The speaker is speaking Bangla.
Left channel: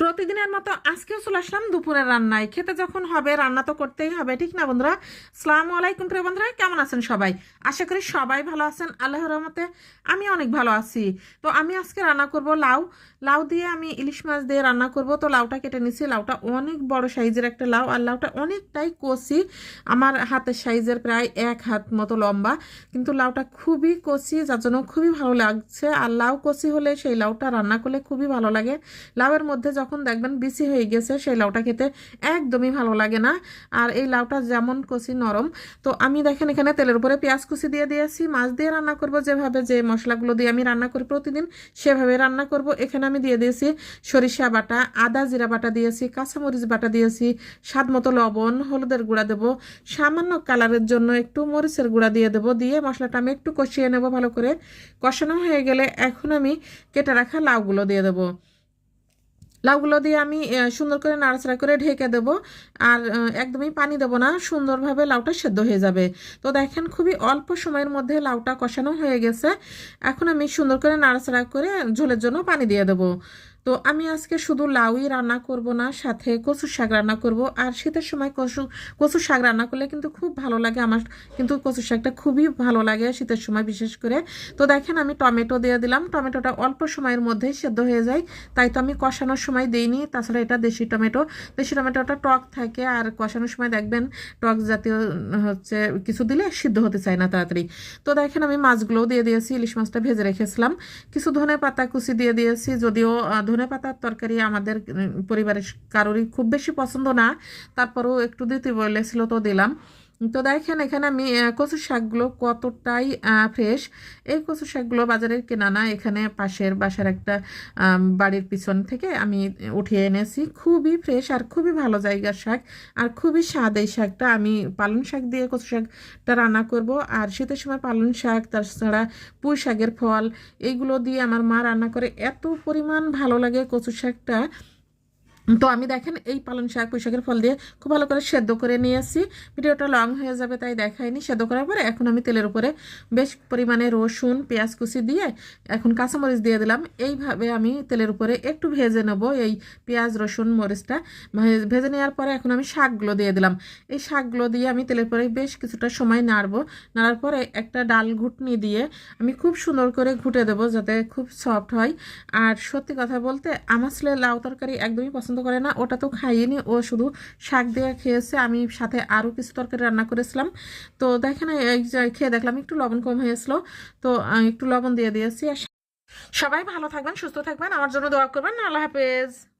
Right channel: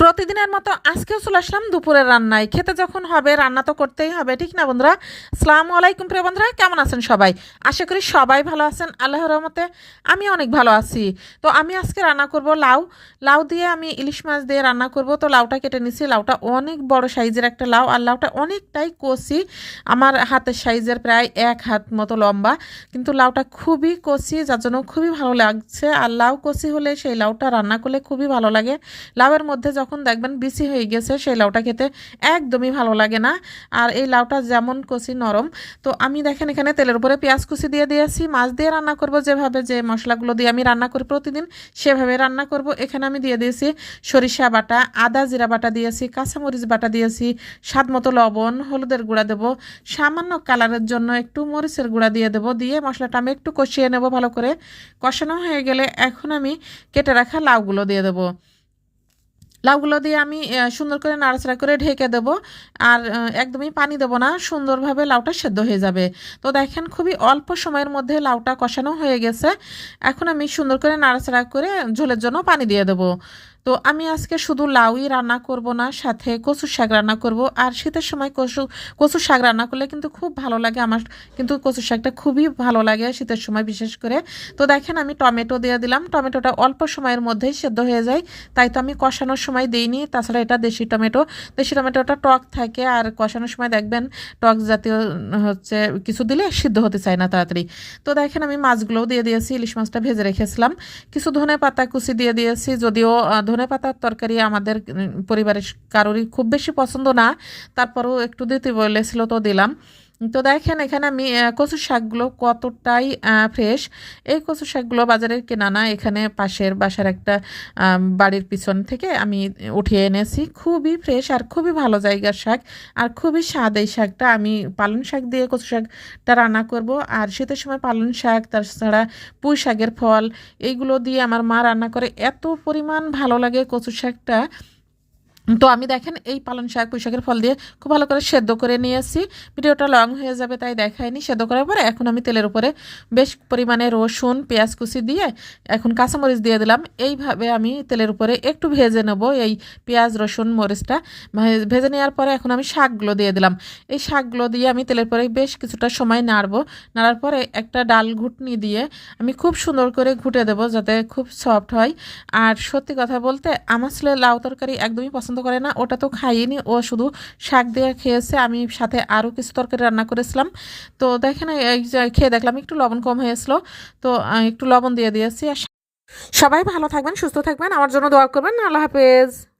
প্রতিদিনের মতো আজকেও চলে আসলাম দুপুরের রান্নায়। খেতে যখন হবে, রান্না তো করতেই হবে, ঠিক না বন্ধুরা? সালামু আলাইকুম প্রিয় বন্ধুরা, কেমন আছেন সবাই? আশা করি সবাই ভালো আছেন, আল্লাহর রহমতে আমি অনেক ভালো আছি। তো আমি আজকে রান্না করব লাউ। লাউ দিয়ে আমি ইলিশ মাছ দিয়ে রান্না করব। তো লাউটা কেটে নিছি, লাউটা অনেক বড় সাইজের একটা লাউ, আর লাউটা অনেকটাই কষি আমার হাতের সাইজের প্রায় এক হাত মতো লম্বা, কিন্তু লাউটা খুবই কষি যার জন্য খুবই ভালো লাগছে। আর লাউ কষি হলে সেই লাউটা রান্না করলে খুবই ভালো লাগে। লাউয়ের মধ্যে যখন দেখবেন বিসি হয়ে গেছে, সেই লাউটা খেতে একদমই ভালো লাগে না। আর এই লাউটা যেমন কষি নরম, তো আমি দেখেন এখানে তেলের উপরে পেঁয়াজ কুচি দিয়ে দিয়েছি, মাছ দিয়ে রান্না করব যেভাবে যে মশলাগুলো দিয়ে আমি রান্না করি প্রতিদিন, সেভাবে রান্না করব। এখানে আমি দিয়ে দিয়েছি সরিষা বাটা, আদা জিরা বাটা দিয়েছি, কাঁচামরিচ বাটা দিয়েছি, স্বাদ মতো লবণ, হলুদের গুঁড়া দেবো, সামান্য কালারের জন্য একটু মরিচের গুঁড়া দিয়ে দেবো, দিয়ে মশলাটা আমি একটু কষিয়ে নেব ভালো করে। কষানো হয়ে গেলে এখন আমি কেটে রাখা লাউগুলো দিয়ে দেবো। লাউগুলো দিয়ে আমি সুন্দর করে নাড়াচাড়া করে ঢেকে দেবো। আর একদমই পানি দেবো না, সুন্দরভাবে লাউটা সেদ্ধ হয়ে যাবে। তো দেখেন খুবই অল্প সময়ের মধ্যে লাউটা কষানো হয়ে গেছে। এখন আমি সুন্দর করে নাড়াচাড়া করে ঝোলের জন্য পানি দিয়ে দেবো। তো আমি আজকে শুধু লাউই রান্না করব না, সাথে কচুর শাক রান্না করব। আর শীতের সময় কচু, কচুর শাক রান্না করলে কিন্তু খুব ভালো লাগে। আমার কিন্তু কচুর শাকটা খুবই ভালো লাগে শীতের সময় বিশেষ করে। তো দেখেন আমি টমেটো দিয়ে দিলাম। টমেটোটা অল্প সময়ের মধ্যেই সেদ্ধ হয়ে যায়। তাই তো আমি কষানোর সময় দিইনি। তাছাড়া এটা দেশি টমেটো। দেশি টমেটোটা টক থাকে। আর কষানোর সময় দেখবেন টক জাতীয় হচ্ছে কিছু দিলে সিদ্ধ হতে চায় না তাড়াতাড়ি। তো দেখেন আমি মাছগুলোও দিয়ে দিয়েছি। ইলিশ মাছটা ভেজে রেখেছিলাম। কিছু ধনে পাতা কুচি দিয়ে দিয়েছি। যদিও ধনে পাতার তরকারি আমাদের পরিবারের কারোরই খুব বেশি পছন্দ না। তারপরেও একটু দিতে বলেছিল তো দিলাম। তো দেখেন এখানে আমি কচু শাকগুলো কতটাই ফ্রেশ এই কচু শাকগুলো বাজারের কেনা না, এখানে পাশের বাসার একটা বাড়ির পিছন থেকে আমি উঠিয়ে এনেছি। খুবই ফ্রেশ আর খুবই ভালো জায়গার শাক আর খুবই স্বাদ এই শাকটা। আমি পালং শাক দিয়ে কচু শাকটা রান্না করব আর শীতের সময় পালং শাক, তাছাড়া পুঁই শাকের ফল, এইগুলো দিয়ে আমার মা রান্না করে। এত পরিমাণ ভালো লাগে কচু শাকটা। তো আমি দেখেন এই পালং শাক, পুঁই শাকের ফল দিয়ে খুব ভালো করে সেদ্ধ করে নিয়েছি ভিডিওটা লং হয়ে যাবে তাই দেখাইনি। সেদ্ধ করার পরে এখন আমি তেলের উপরে বেশ পরিমাণে রসুন, পেঁয়াজ কুচি দিয়ে এখন কাঁচামরিচ দিয়ে দিলাম। এইভাবে আমি তেলের উপরে একটু ভেজে নেব এই পেঁয়াজ, রসুন, মরিচটা। ভেজে নেওয়ার পরে এখন আমি শাকগুলো দিয়ে দিলাম। এই শাকগুলো দিয়ে আমি তেলের পরে বেশ কিছুটা সময় নাড়বো। নাড়ার পরে একটা ডাল ঘুটনি দিয়ে আমি খুব সুন্দর করে ঘুটে দেবো যাতে খুব সফট হয়। আর সত্যি কথা বলতে আমার ছেলে লাউ তরকারি একদমই পছন্দ করে না, ওটা তো খাইনি। ও শুধু শাক দিয়ে খেয়েছে, আমি সাথে আরও কিছু তরকারি রান্না করেছিলাম। তো দেখেন খেয়ে দেখলাম, একটু লবণ কম হয়েছিলো। তো একটু লবণ দিয়ে দিয়েছি। সবাই ভালো থাকবেন, সুস্থ থাকবেন। আমার জন্য দোয়া করবেন। আল্লাহ হাফেজ।